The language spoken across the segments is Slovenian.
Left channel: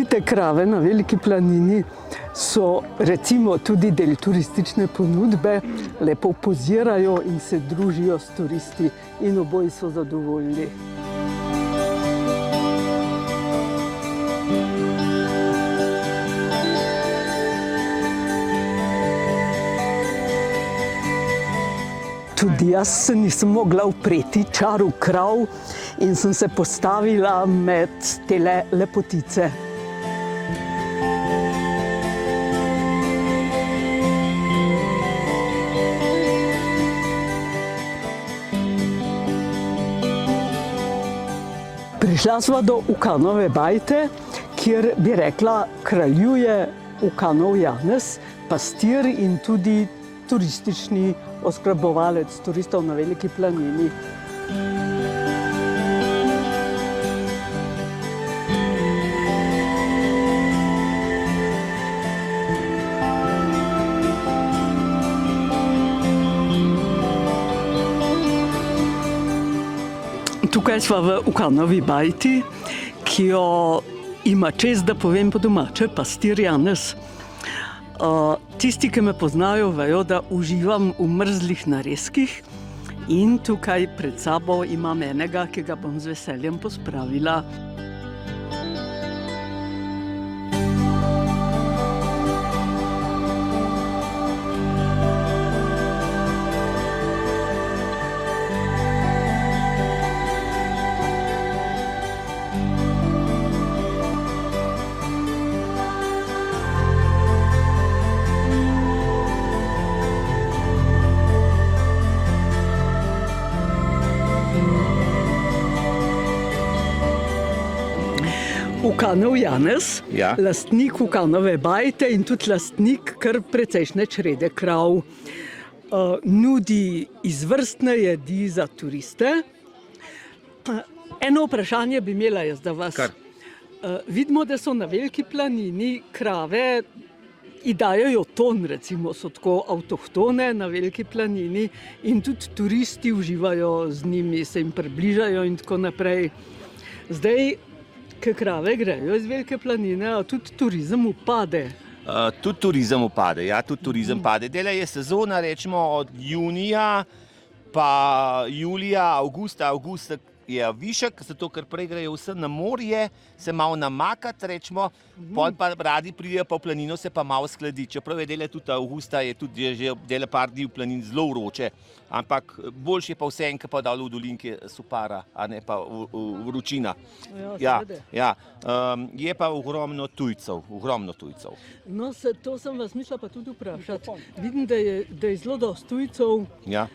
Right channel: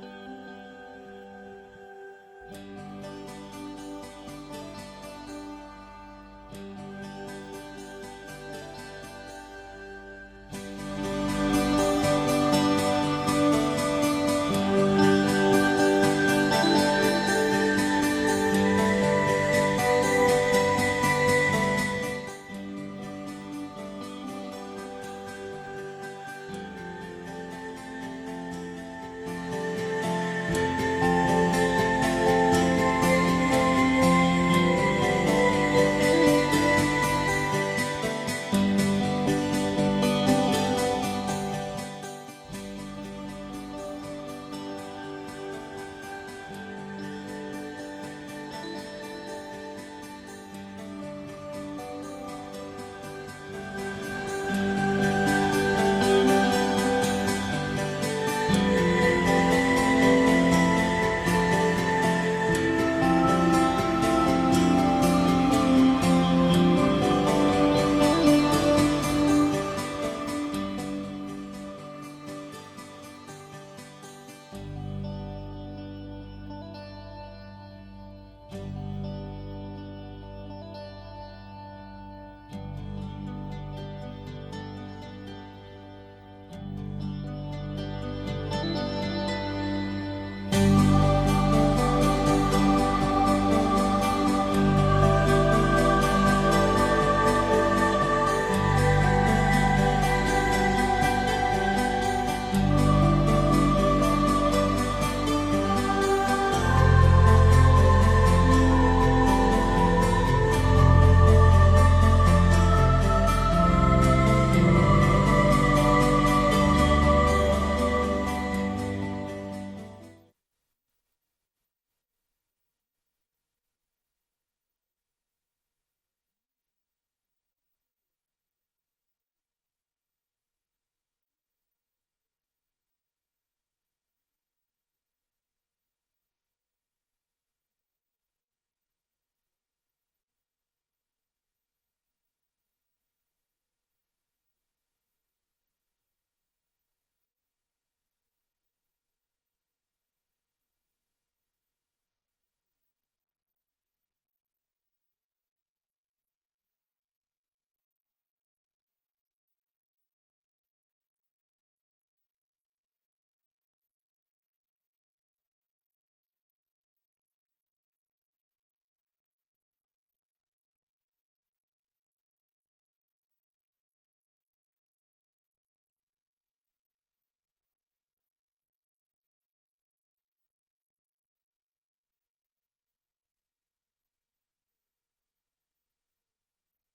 plemenite krave na Veliki planini so recimo tudi del turistične ponudbe, lepo pozirajo in se družijo s turisti in oboji so zadovoljni. Tudi jaz se nisem mogla upreti čaru krav in sem se postavila med tele lepotice. Prišla sva do Ukanove bajte, kjer bi rekla, kraljuje Ukanov Janez, pastir in tudi turistični oskrbovalec turistov na Veliki planini. Tukaj sva v Ukanovi bajti, ki jo ima čest, da povem po domače, pastir Janez. Tisti, ki me poznajo, vejo, da uživam v mrzlih narezkih in tukaj pred sabo imam enega, ki ga bom z veseljem pospravila. Ukanov Janez, lastnik Ukanove bajte in tudi lastnik kar precejšnje črede krav. Nudi izvrstne jedi za turiste. Eno vprašanje bi imela jaz za vas. Vidimo, da so na Veliki planini krave, ji dajejo ton, recimo, so tako avtohtone na Veliki planini in tudi turisti uživajo z njimi, se jim približajo in tako naprej. Zdaj, ke krave grejo iz Velike planine, a tudi turizem upade. Tudi turizem upade, ja, tudi turizem pade. Dela je sezona, rečemo, od junija pa julija, avgusta je višek, zato ker prej grejo vse na morje, se malo namakati, rečemo, pol pa radi pridejo pa v planino, se pa malo skladi. Čeprav je dela tudi avgusta, je tudi že dela par dni v planini zelo vroče, ampak boljše je pa vse enke pa dol v dolinke supara, a ne pa vročina. Ja, je pa ogromno tujcev, No, to sem vas mislila pa tudi vprašati. Vidim, da je zelo dosti tujcev. Ja.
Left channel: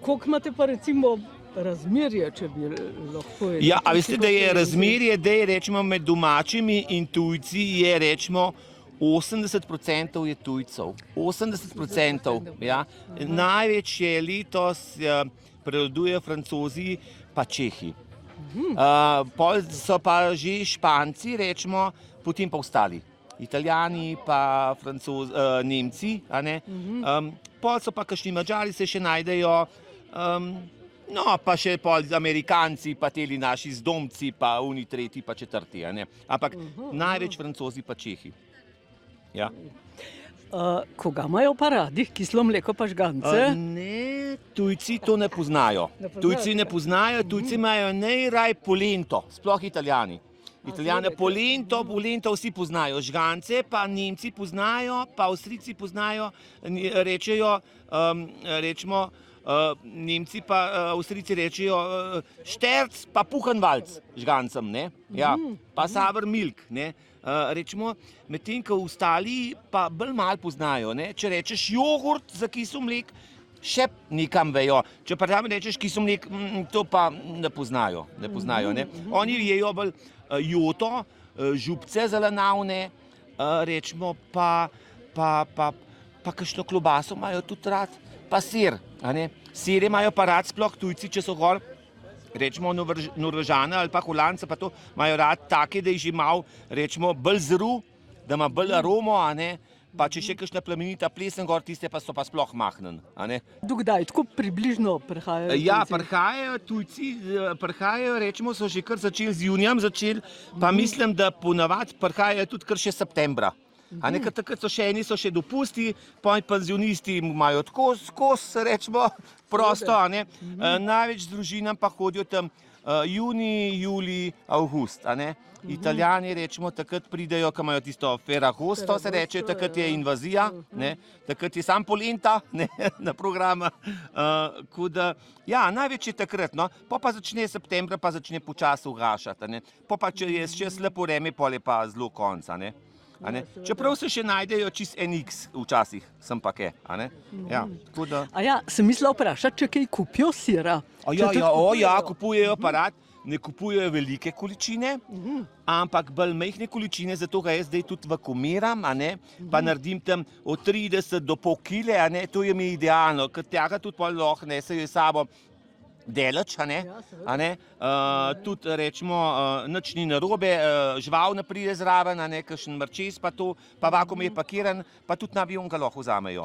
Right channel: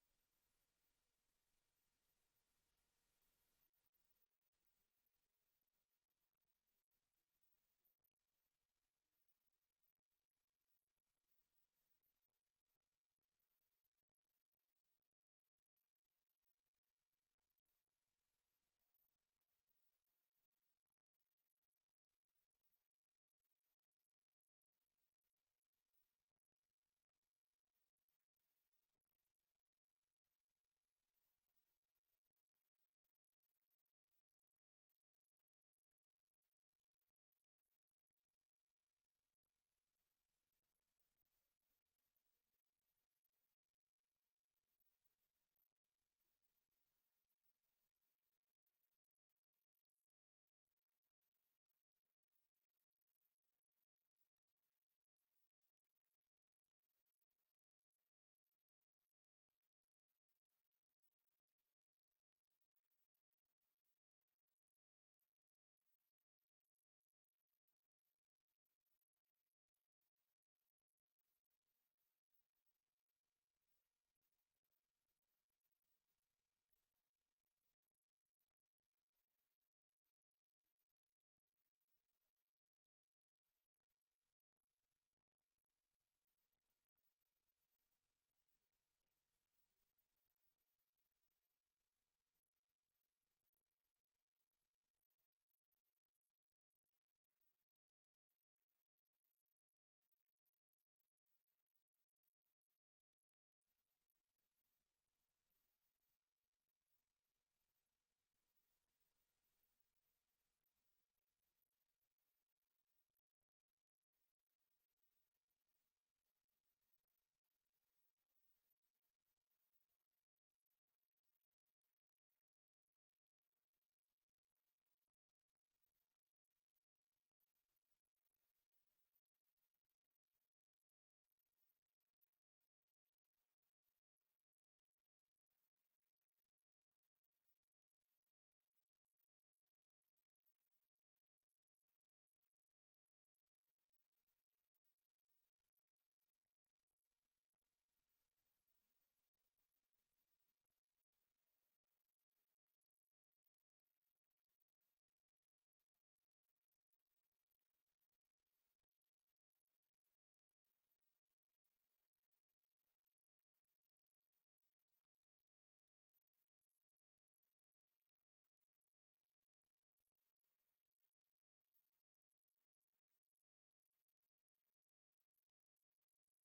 Koliko imate pa recimo razmerje, če bi lahko... Ja, a veste, da je razmerje, da je rečemo med domačimi in tujci je rečemo 80% je tujcev. 80%, ja. Največ je letos prevladujejo Francozi pa Čehi. Pol so pa že Španci, rečemo, potem pa ostali. Italijani pa Nemci, a ne. Pol so pa kakšni Madžari se še najdejo, no, pa še pol Amerikanci, pa teli naši zdomci, pa oni tretji, pa četrti, a ne. Ampak največ Francozi pa Čehi. Ja. Koga imajo pa radi? Kislo mleko pa žgance? Ne, tujci to ne poznajo. Tujci ne poznajo, tujci imajo najraj polento, sploh Italijani. Italijane polento vsi poznajo, žgance pa Nemci poznajo, pa Avstrijci poznajo, rečejo, rečemo, Nemci pa Avstrijci rečejo šterc pa puhanvalc žgancem, ne, ja, pa savrmilk, ne, rečemo, medtem ko ostali pa bolj malo poznajo, ne, če rečeš jogurt za kisel mlek, še nekam vejo, če pa tam rečeš kisel mlek, to pa ne poznajo, ne, oni jejo bolj joto, župce zelenavne, rečemo, pa kakšno klobaso imajo tudi rad, pa sir, a ne. Sire imajo pa rad sploh tujci, če so gor, rečemo Norvežane ali pa Holandce, pa to imajo rad take, da je že malo, rečemo, bolj zru, da ima bolj aromo, a ne, pa če še kakšna plemenita plesen gor, tiste pa so pa sploh mahnen. Dokdaj, tako približno prihajajo? Ja, prihajajo tujci, rečemo, so že kar začeli z junijem, pa mislim, da ponavadi prihajajo tudi kar še septembra. Ker takrat so še dopusti, penzionisti imajo tako skozi, rečemo, prosto. Največ z družinam pa hodijo tam junij, julij, avgust. Italijani, rečemo, takrat pridejo, ko imajo tisto Ferragosto, se reče, takrat je invazija, takrat je sam polenta na programa. Ja, največ je takrat, pa začne septembra, pa začne počasi ugašati. Pa če je še slepo vreme, pol je pa zelo konc. Čeprav se še najdejo čist NX včasih, sem pa kaj. Sem mislila vprašati, če kaj kupijo sira? Ja, kupujejo pa rad. Ne kupujejo velike količine, ampak bolj majhne količine, zato ga jaz zdaj tudi vakuumiram, pa naredim tam od 30 do pol kile, to je mi idealno, ker tega tudi pol lahko nesejo sabo deleč, tudi rečemo, nič ni narobe, žival ne pride zraven, kakšen mrčes pa to, pa vakuum je pakiran, pa tudi na avion ga lahko vzamejo.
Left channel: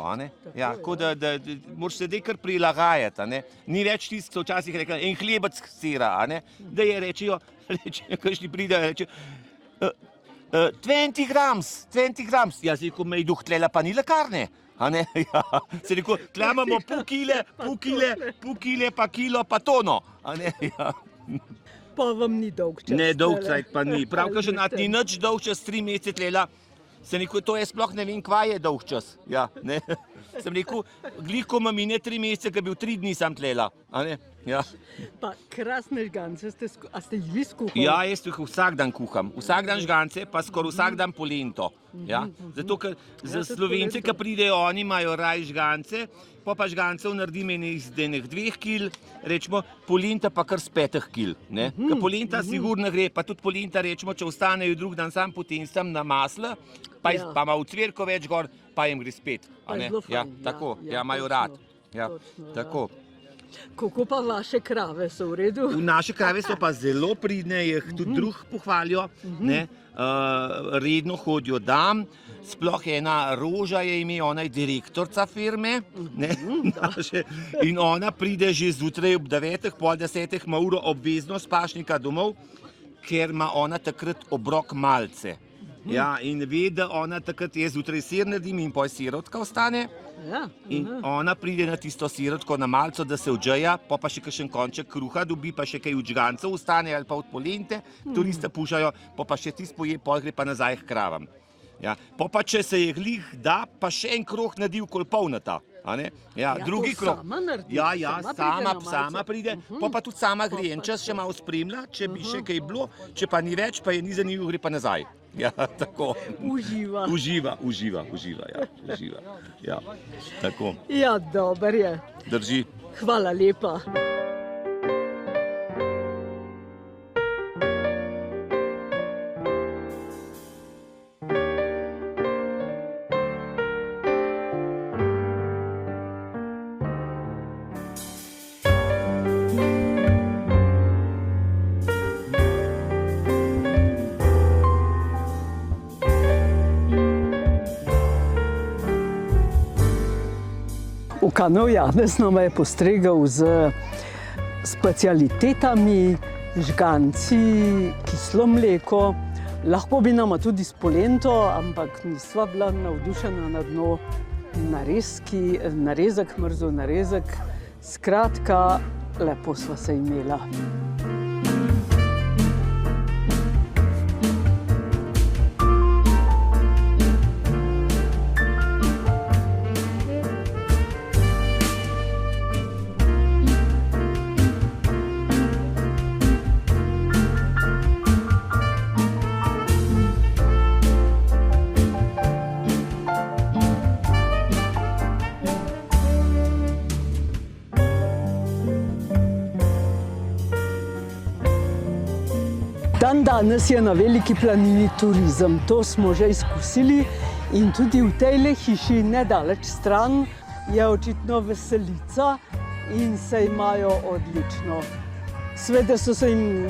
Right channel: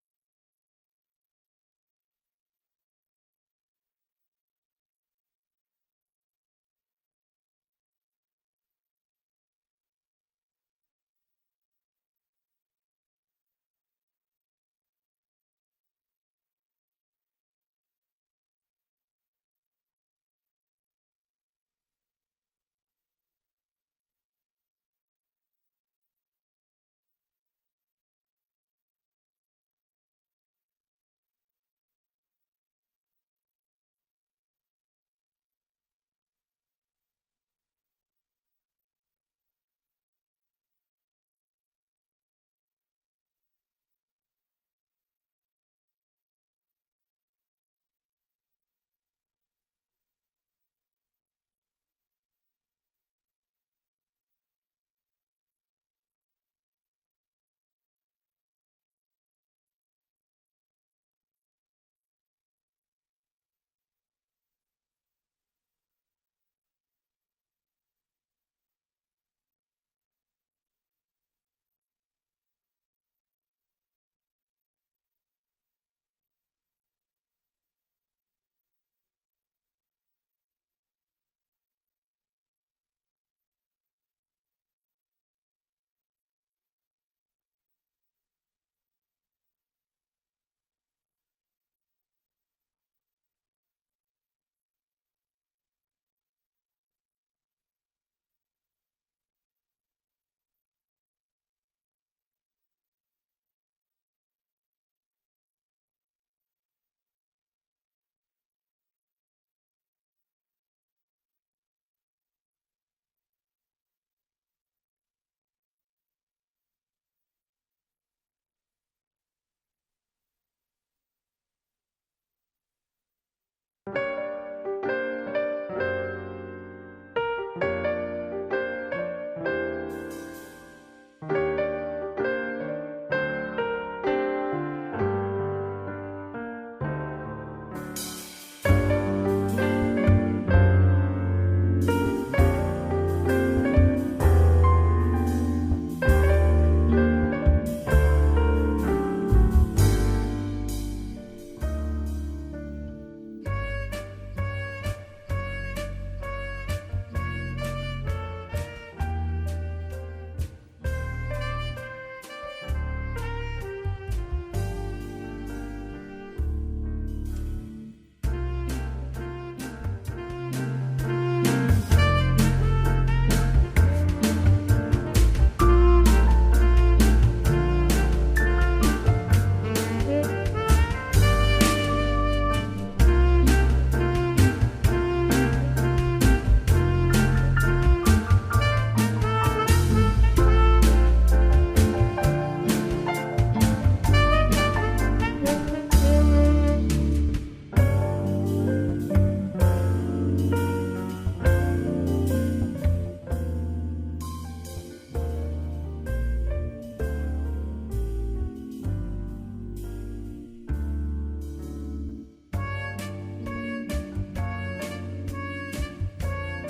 Tako da moraš se zdaj kar prilagajati. Ni več tisto, so včasih rekli, en hlebec sira, da je rečejo, kakšni pridejo, rečejo, 20 grams, ja, zdaj, ko me je duh tlela, pa ni lekarne. Se rekel, tle imamo pol kile, pa kilo, pa tono. Pa vam ni dolg čas. Ne, dolg čas pa ni. Pravkar že ni nič dolg čas, 3 mesece tlela. Se rekel, to je sploh ne vem, kva je dolg čas. Sem rekel, gliko ima mine 3 mesece, ker bil 3 dni sam tlela. Pa krasne žgance, a ste jih vi skuhali? Ja, jaz jih vsak dan kuham. Vsak dan žgance, pa skoraj vsak dan polento. Zato, ker za Slovence, ki pridejo, oni imajo raj žgance, pa žgancev naredim iz 2 kil, rečemo, polenta pa kar z 5 kil. Ker polenta sigurno gre, pa tudi polenta, rečemo, če ostanejo drug dan sam, potem sem na maslo, pa ima v cvirko več gor, pa jim gre spet. Tako, imajo rad. Tako. Kako pa vaše krave so v redu? Naše krave so pa zelo pridne, jih tudi drug pohvalijo, redno hodijo dam, sploh ena Roža je ime, ona je direktorca firme, in ona pride že zjutraj ob 9, pol 10, ima uro obvezno s pašnika domov, ker ima ona takrat obrok malce. In ve, da ona takrat je zjutraj sir naredim in pol sirotka ostane. In ona pride na tisto sirotko na malco, da se odžeja, pa še kakšen konček kruha dobi, pa še kaj od žgancev ostane ali pa od polente, turiste pušajo, pa še tisto poje, pol gre pa nazaj k kravam. Pa če se je glih da, pa še en krog naredi okoli polnata. Drugi krog. Sama pride, pa tudi sama gre, en čas še malo spremlja, če bi še kaj bilo, če pa ni več, pa je ni zanimivo, gre pa nazaj. Tako. Uživa. Tako. Ja, dober je. Drži. Hvala lepa. Kanal Janez nama je postregel z specialitetami, žganci, kislo mleko. Lahko bi nama tudi s polento, ampak nisva bila navdušena nad njo. Narezek, mrzel narezek. Skratka, lepo sva se imela. Danes je na Veliki planini turizem, to smo že izkusili in tudi v tejle hiši nedaleč stran je očitno veselica in se imajo odlično. Seveda so se jim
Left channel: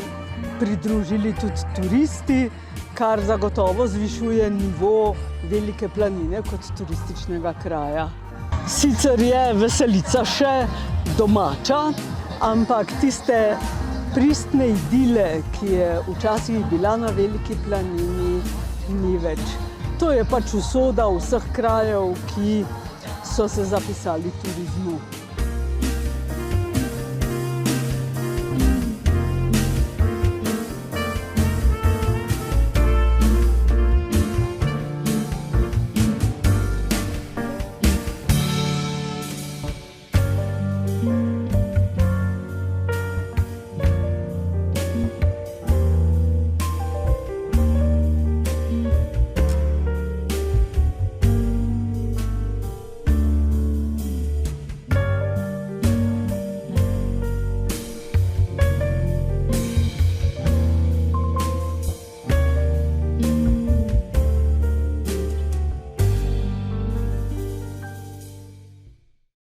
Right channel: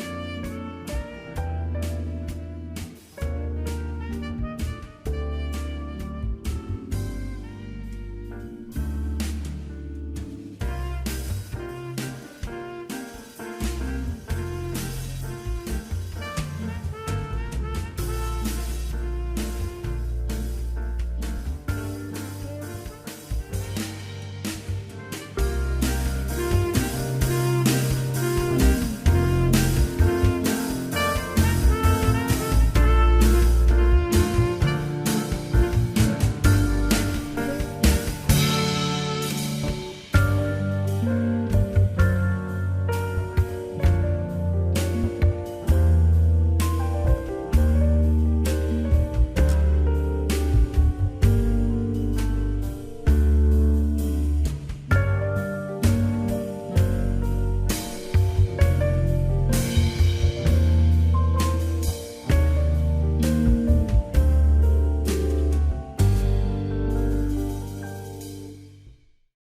pridružili tudi turisti, kar zagotovo zvišuje nivo Velike planine kot turističnega kraja. Sicer je veselica še domača, ampak tiste pristne idile, ki je včasih bila na Veliki planini, ni več. To je pač usoda vseh krajev, ki so se zapisali turizmu.